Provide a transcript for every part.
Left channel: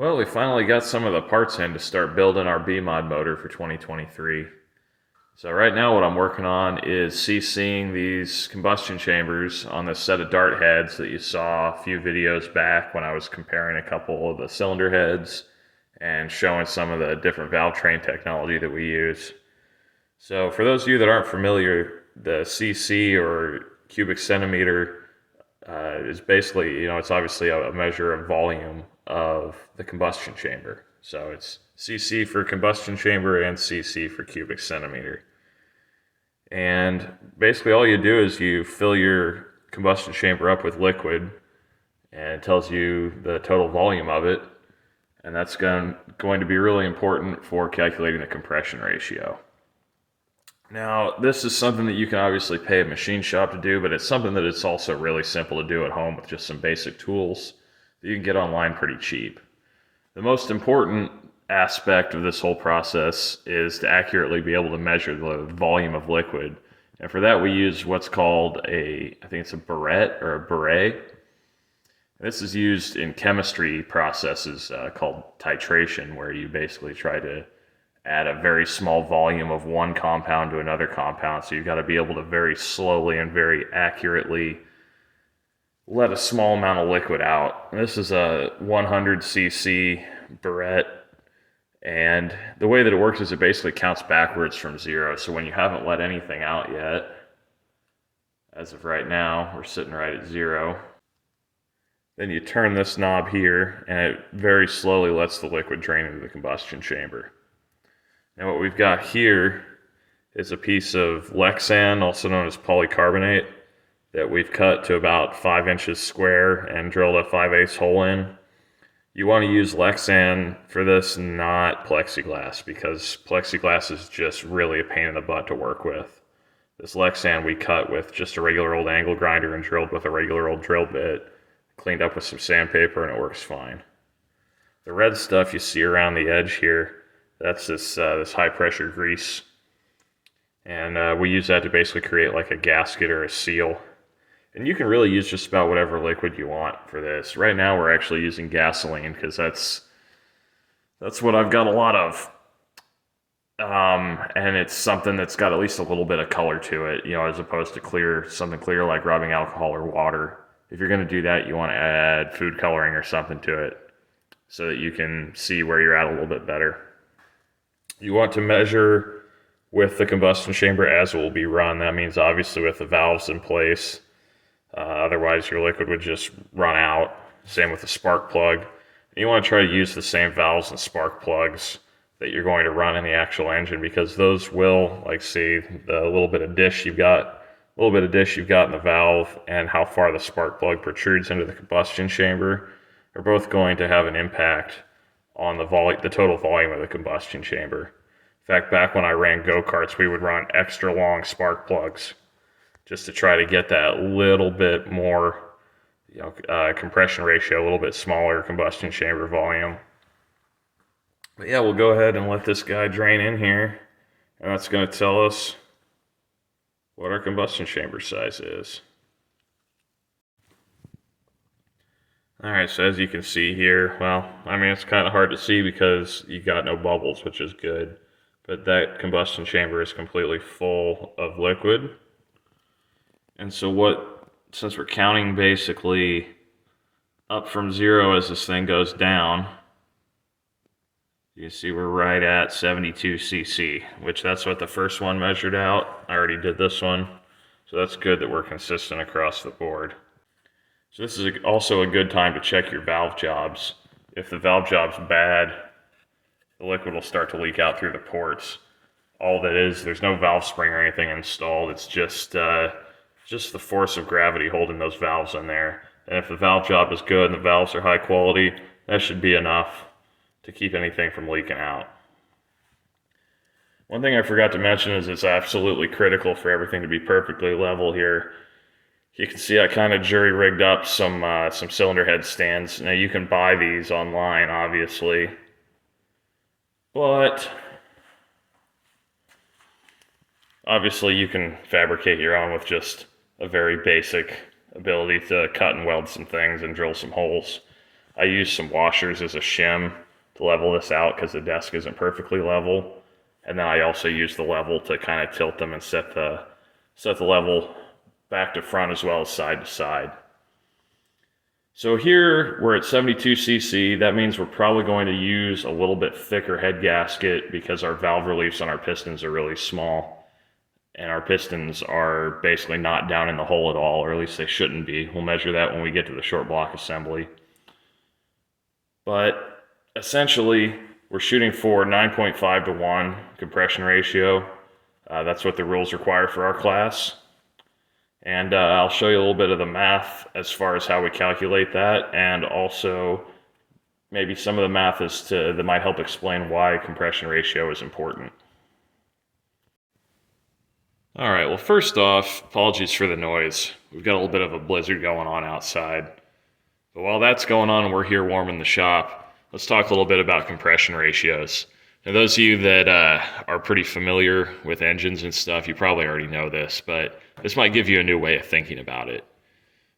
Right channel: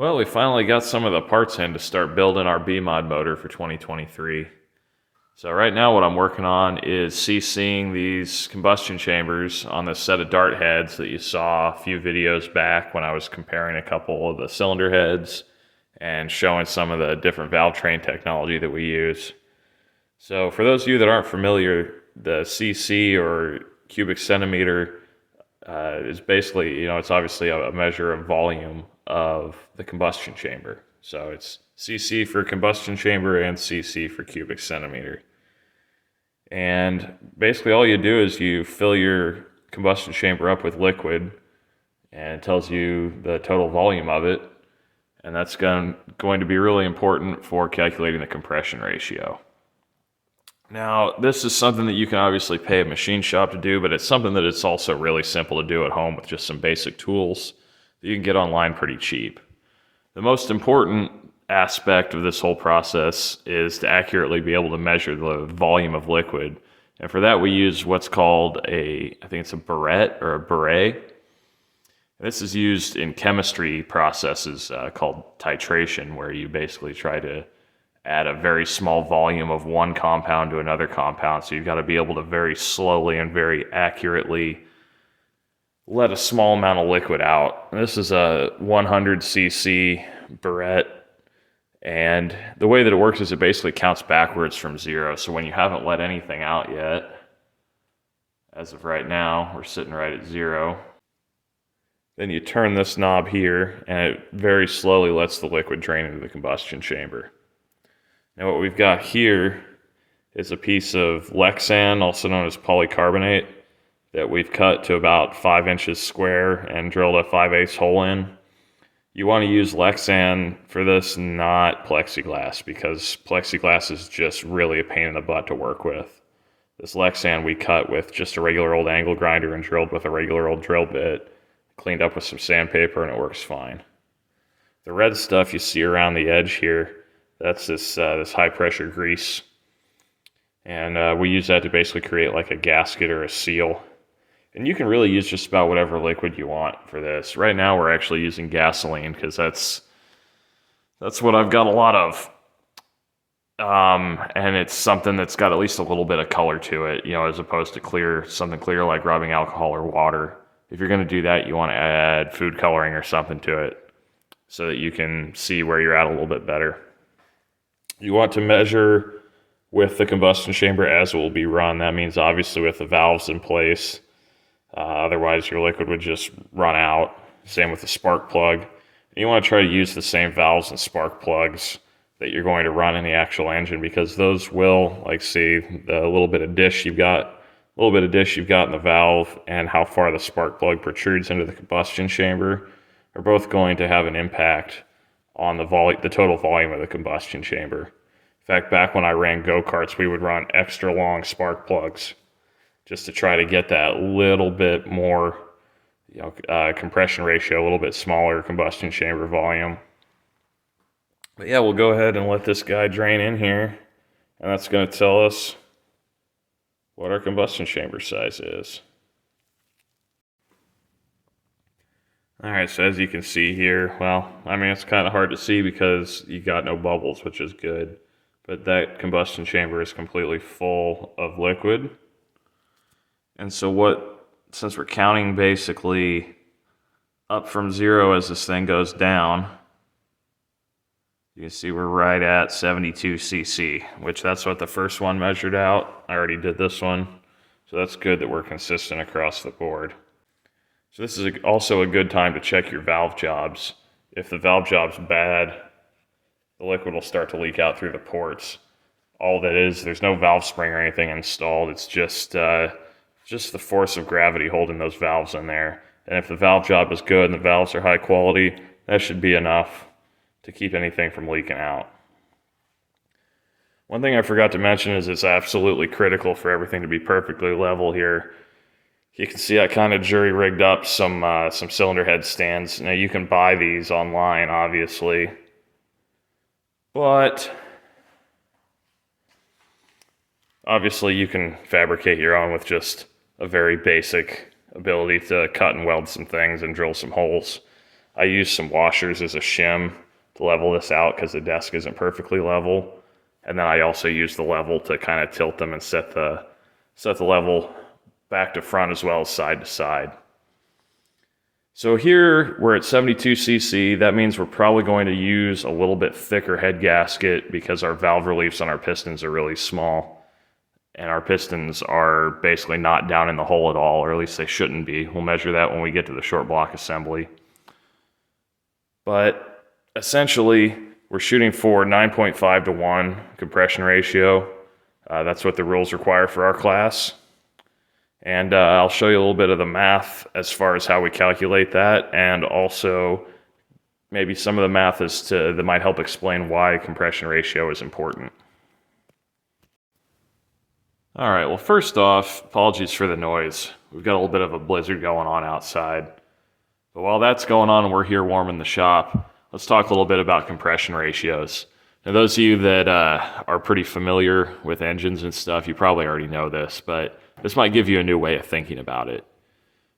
Well, we finally got some of the parts in to start building our B-mod motor for 2023. So right now what I'm working on is CCing these combustion chambers on this set of dart heads that you saw a few videos back when I was comparing a couple of the cylinder heads and showing some of the different valve train technology that we use. So for those of you that aren't familiar, the CC or cubic centimeter is basically, it's obviously a measure of volume of the combustion chamber. So it's CC for combustion chamber and CC for cubic centimeter. And basically all you do is you fill your combustion chamber up with liquid, and it tells you the total volume of it. And that's going to be really important for calculating the compression ratio. Now, this is something that you can obviously pay a machine shop to do, but it's something that it's also really simple to do at home with just some basic tools that you can get online pretty cheap. The most important aspect of this whole process is to accurately be able to measure the volume of liquid. And for that, we use what's called I think it's a burette or a beret. This is used in chemistry processes called titration, where you basically try to add a very small volume of one compound to another compound. So you've got to be able to very slowly and very accurately let a small amount of liquid out. This is a 100 cc burette, and the way that it works is it basically counts backwards from zero. So when you haven't let anything out yet, as of right now, we're sitting right at zero. Then you turn this knob here, and it very slowly lets the liquid drain into the combustion chamber. Now what we've got here is a piece of Lexan, also known as polycarbonate, that we've cut to about 5 inches square and drilled a 5/8 hole in. You want to use Lexan for this, not plexiglass, because plexiglass is just really a pain in the butt to work with. This Lexan we cut with just a regular old angle grinder and drilled with a regular old drill bit, cleaned up with some sandpaper, and it works fine. The red stuff you see around the edge here, that's this high pressure grease, and we use that to basically create like a gasket or a seal. And you can really use just about whatever liquid you want for this. Right now we're actually using gasoline because that's what I've got a lot of, and it's something that's got at least a little bit of color to it, as opposed to something clear like rubbing alcohol or water. If you're going to do that, you want to add food coloring or something to it so that you can see where you're at a little bit better. You want to measure with the combustion chamber as it will be run. That means obviously with the valves in place. Otherwise your liquid would just run out. Same with the spark plug. You want to try to use the same valves and spark plugs that you're going to run in the actual engine, because those will, see the little bit of dish you've got in the valve and how far the spark plug protrudes into the combustion chamber are both going to have an impact on the total volume of the combustion chamber. In fact, back when I ran go-karts, we would run extra long spark plugs just to try to get that little bit more, compression ratio, a little bit smaller combustion chamber volume. But yeah, we'll go ahead and let this guy drain in here, and that's going to tell us what our combustion chamber size is. Alright, so as you can see here, it's kind of hard to see because you got no bubbles, which is good. But that combustion chamber is completely full of liquid. And so since we're counting basically up from zero as this thing goes down, you can see we're right at 72 cc, which that's what the first one measured out. I already did this one, so that's good that we're consistent across the board. So this is also a good time to check your valve jobs. If the valve job's bad, the liquid will start to leak out through the ports. All that is, there's no valve spring or anything installed. It's just the force of gravity holding those valves in there. And if the valve job is good and the valves are high quality, that should be enough to keep anything from leaking out. One thing I forgot to mention is it's absolutely critical for everything to be perfectly level here. You can see I kind of jury-rigged up some cylinder head stands. Now you can buy these online, obviously, but obviously you can fabricate your own with just a very basic ability to cut and weld some things and drill some holes. I use some washers as a shim to level this out because the desk isn't perfectly level. And then I also use the level to kind of tilt them and set the level back to front as well as side to side. So here we're at 72 cc. That means we're probably going to use a little bit thicker head gasket because our valve reliefs on our pistons are really small. And our pistons are basically not down in the hole at all, or at least they shouldn't be. We'll measure that when we get to the short block assembly. But essentially, we're shooting for 9.5 to 1 compression ratio. That's what the rules require for our class. And I'll show you a little bit of the math as far as how we calculate that, and also maybe some of the math that might help explain why compression ratio is important. All right, well, first off, apologies for the noise. We've got a little bit of a blizzard going on outside. But while that's going on and we're here warming the shop, let's talk a little bit about compression ratios. Now, those of you that are pretty familiar with engines and stuff, you probably already know this, but this might give you a new way of thinking about it.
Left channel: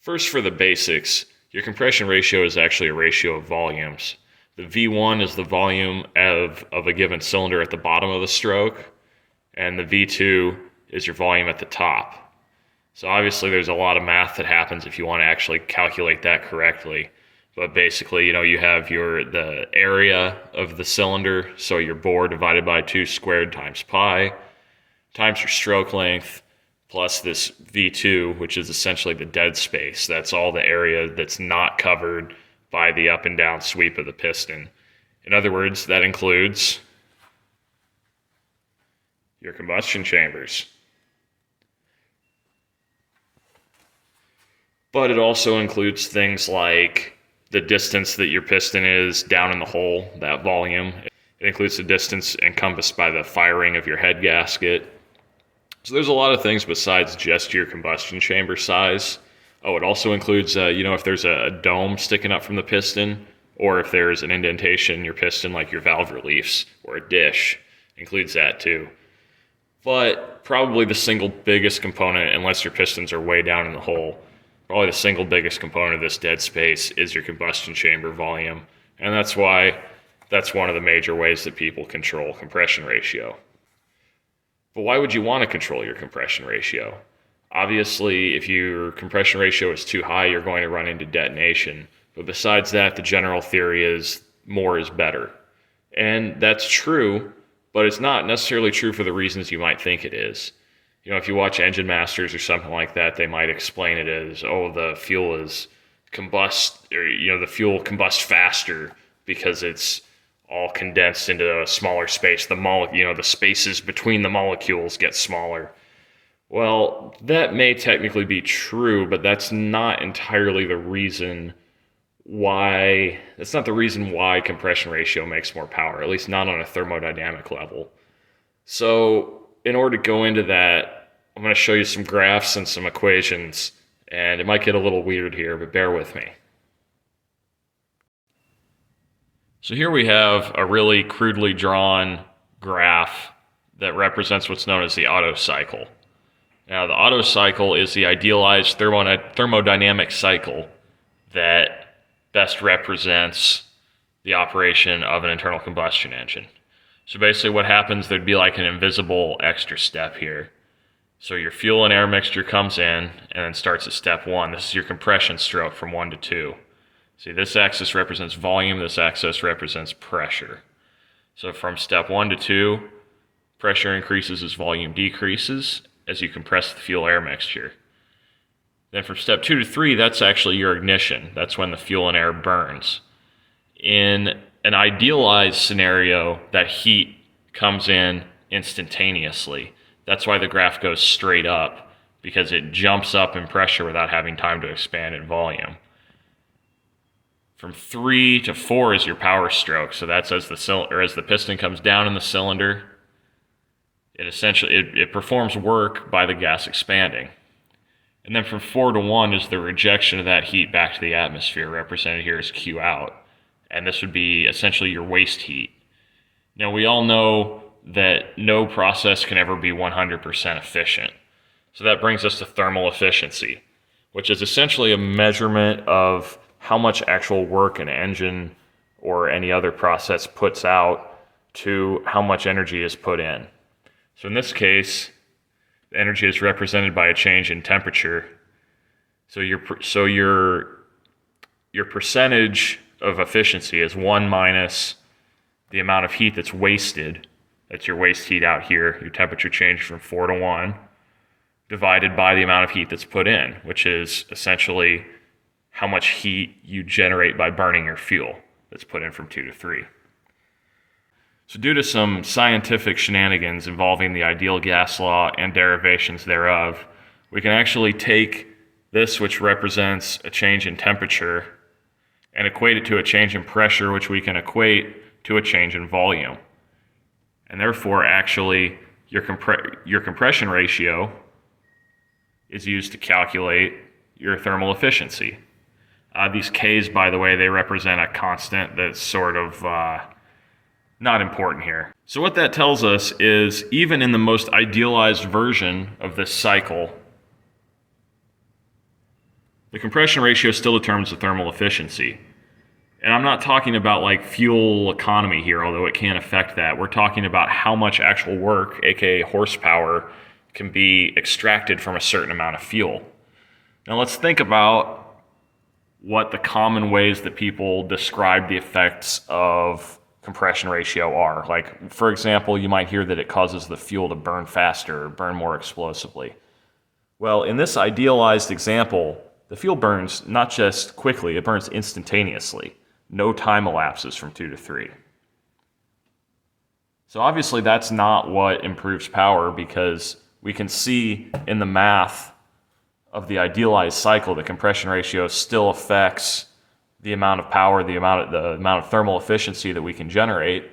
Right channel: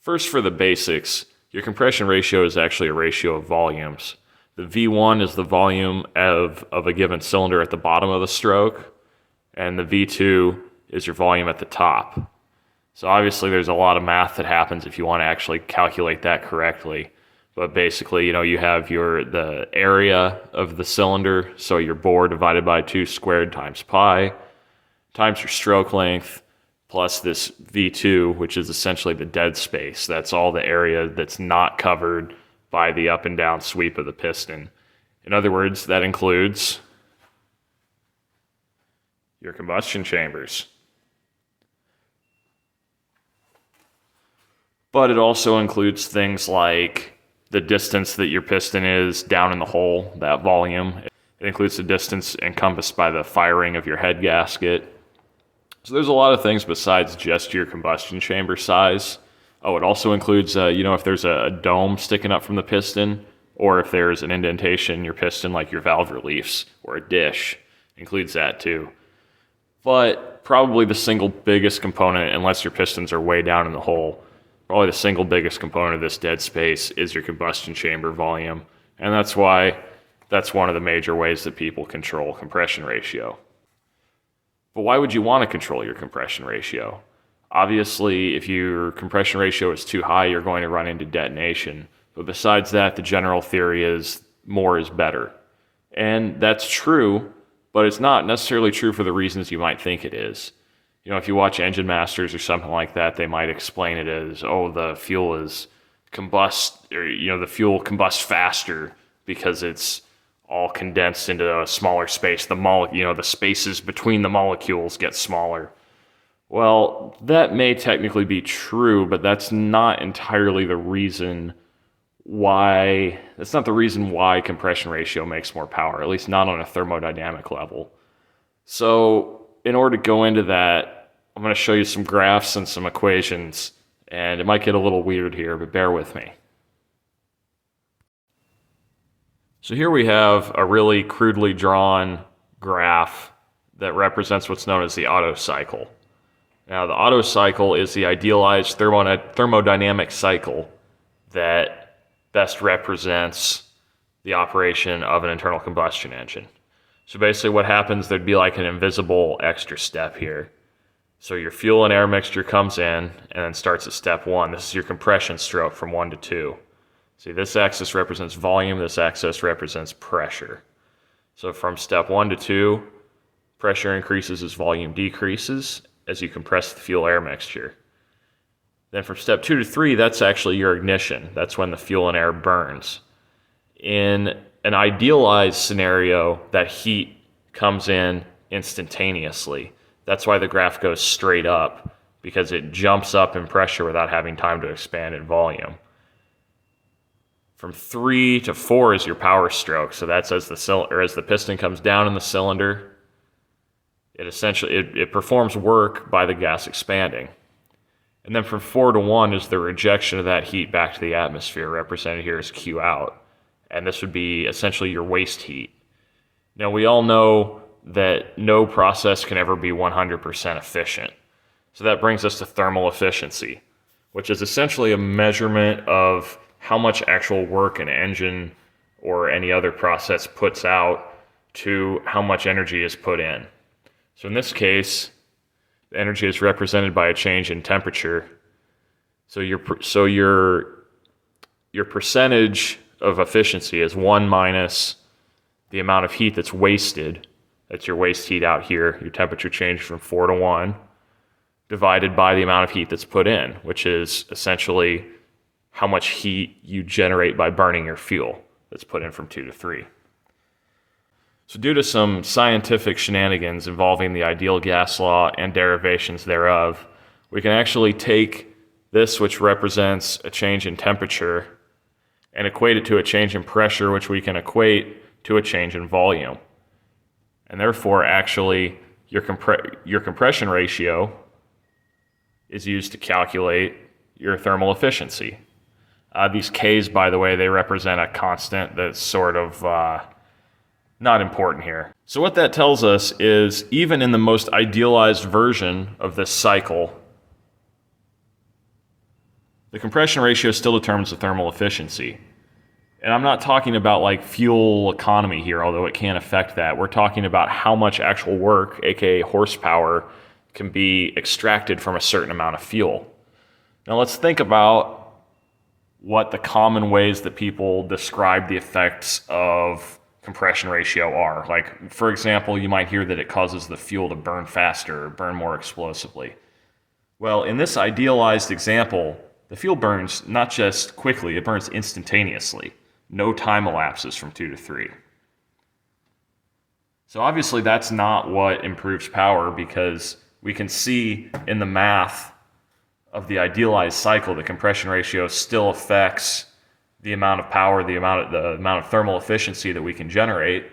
First, for the basics, your compression ratio is actually a ratio of volumes. The V1 is the volume of a given cylinder at the bottom of the stroke, and the V2 is your volume at the top. So obviously there's a lot of math that happens if you want to actually calculate that correctly. But basically, you have the area of the cylinder, so your bore divided by 2 squared times pi, times your stroke length, plus this V2, which is essentially the dead space. That's all the area that's not covered by the up and down sweep of the piston. In other words, that includes your combustion chambers. But it also includes things like the distance that your piston is down in the hole, that volume. It includes the distance encompassed by the firing of your head gasket. So there's a lot of things besides just your combustion chamber size. Oh, it also includes, if there's a dome sticking up from the piston, or if there's an indentation in your piston like your valve reliefs, or a dish, includes that too. But probably the single biggest component, unless your pistons are way down in the hole, probably the single biggest component of this dead space is your combustion chamber volume. And that's why that's one of the major ways that people control compression ratio. But why would you want to control your compression ratio? Obviously, if your compression ratio is too high, you're going to run into detonation. But besides that, the general theory is more is better. And that's true, but it's not necessarily true for the reasons you might think it is. If you watch Engine Masters or something like that, they might explain it as, the fuel is the fuel combusts faster because it's all condensed into a smaller space. The spaces between the molecules get smaller. Well, that may technically be true, but that's not entirely the reason why. That's not the reason why compression ratio makes more power, at least not on a thermodynamic level. So in order to go into that, I'm going to show you some graphs and some equations, and it might get a little weird here, but bear with me. So here we have a really crudely drawn graph that represents what's known as the Otto cycle. Now, the Otto cycle is the idealized thermodynamic cycle that best represents the operation of an internal combustion engine. So basically what happens, there'd be like an invisible extra step here. So your fuel and air mixture comes in and then starts at step 1. This is your compression stroke from 1 to 2. See, this axis represents volume, this axis represents pressure. So from step 1 to 2, pressure increases as volume decreases as you compress the fuel-air mixture. Then from step 2 to 3, that's actually your ignition. That's when the fuel and air burns. In an idealized scenario, that heat comes in instantaneously. That's why the graph goes straight up, because it jumps up in pressure without having time to expand in volume. From 3 to 4 is your power stroke. So that's as the piston comes down in the cylinder, it performs work by the gas expanding. And then from 4 to 1 is the rejection of that heat back to the atmosphere, represented here as Q out. And this would be essentially your waste heat. Now, we all know that no process can ever be 100% efficient. So that brings us to thermal efficiency, which is essentially a measurement of how much actual work an engine or any other process puts out to how much energy is put in. So in this case, the energy is represented by a change in temperature. So your percentage of efficiency is 1 minus the amount of heat that's wasted. That's your waste heat out here. Your temperature changed from 4 to 1, divided by the amount of heat that's put in, which is essentially how much heat you generate by burning your fuel that's put in from 2 to 3. So due to some scientific shenanigans involving the ideal gas law and derivations thereof, we can actually take this, which represents a change in temperature, and equate it to a change in pressure, which we can equate to a change in volume. And therefore, actually, your compression ratio is used to calculate your thermal efficiency. These K's, by the way, they represent a constant that's sort of not important here. So what that tells us is, even in the most idealized version of this cycle, the compression ratio still determines the thermal efficiency. And I'm not talking about like fuel economy here, although it can affect that. We're talking about how much actual work, aka horsepower, can be extracted from a certain amount of fuel. Now let's think about what the common ways that people describe the effects of compression ratio are. Like, for example, you might hear that it causes the fuel to burn faster or burn more explosively. Well, in this idealized example, the fuel burns not just quickly, it burns instantaneously. No time elapses from 2 to 3. So obviously that's not what improves power, because we can see in the math of the idealized cycle, the compression ratio still affects the amount of power, the amount of thermal efficiency that we can generate,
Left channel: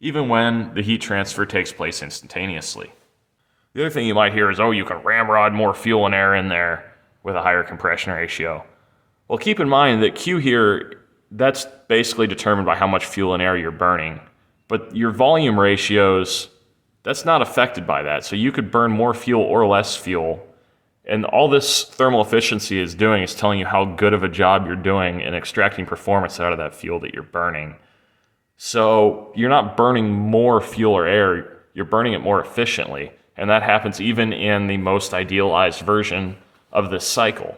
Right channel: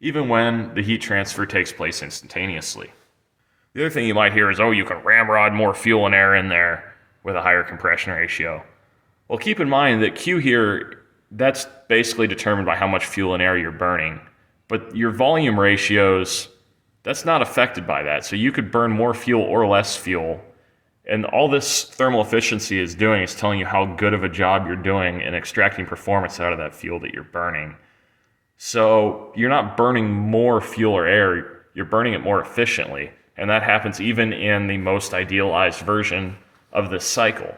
even when the heat transfer takes place instantaneously. The other thing you might hear is, oh, you can ramrod more fuel and air in there with a higher compression ratio. Well, keep in mind that Q here, that's basically determined by how much fuel and air you're burning. But your volume ratios, that's not affected by that. So you could burn more fuel or less fuel. And all this thermal efficiency is doing is telling you how good of a job you're doing in extracting performance out of that fuel that you're burning. So you're not burning more fuel or air, you're burning it more efficiently. And that happens even in the most idealized version of this cycle.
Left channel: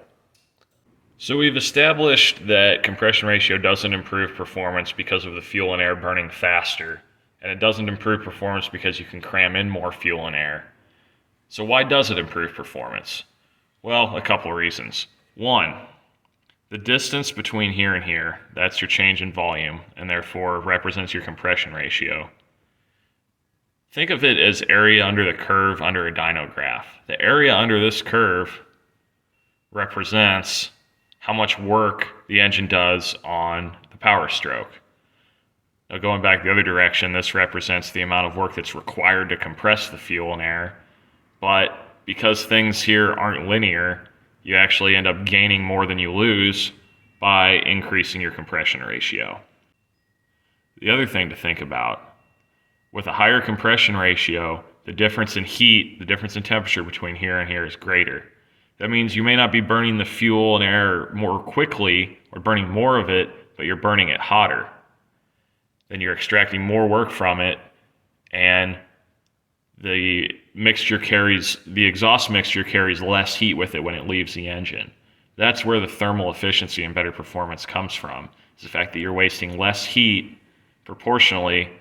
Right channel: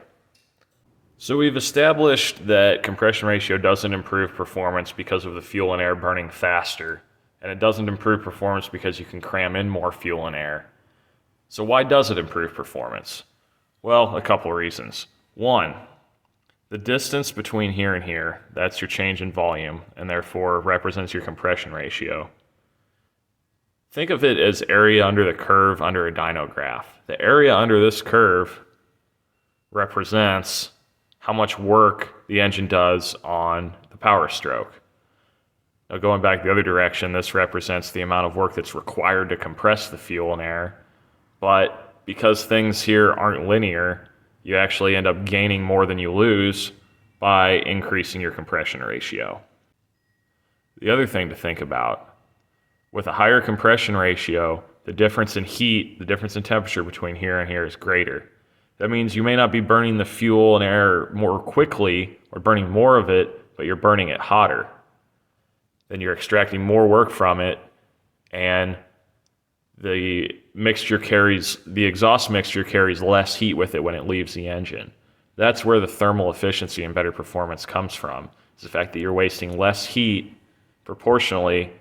So we've established that compression ratio doesn't improve performance because of the fuel and air burning faster. And it doesn't improve performance because you can cram in more fuel and air. So why does it improve performance? Well, a couple of reasons. One, the distance between here and here, that's your change in volume, and therefore represents your compression ratio. Think of it as area under the curve under a dyno graph. The area under this curve represents how much work the engine does on the power stroke. Now going back the other direction, this represents the amount of work that's required to compress the fuel and air, but because things here aren't linear, you actually end up gaining more than you lose by increasing your compression ratio. The other thing to think about, with a higher compression ratio, the difference in heat, the difference in temperature between here and here is greater. That means you may not be burning the fuel and air more quickly or burning more of it, but you're burning it hotter. Then you're extracting more work from it, and the exhaust mixture carries less heat with it when it leaves the engine. That's where the thermal efficiency and better performance comes from. It's the fact that you're wasting less heat proportionally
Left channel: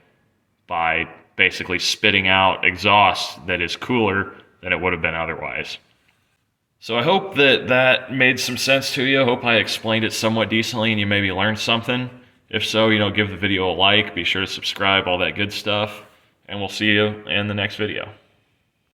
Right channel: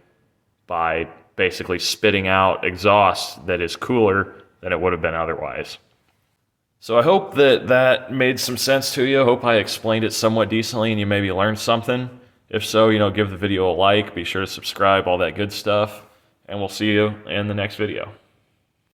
by basically spitting out exhaust that is cooler than it would have been otherwise. So I hope that made some sense to you. I hope I explained it somewhat decently and you maybe learned something. If so, give the video a like, be sure to subscribe, all that good stuff. And we'll see you in the next video.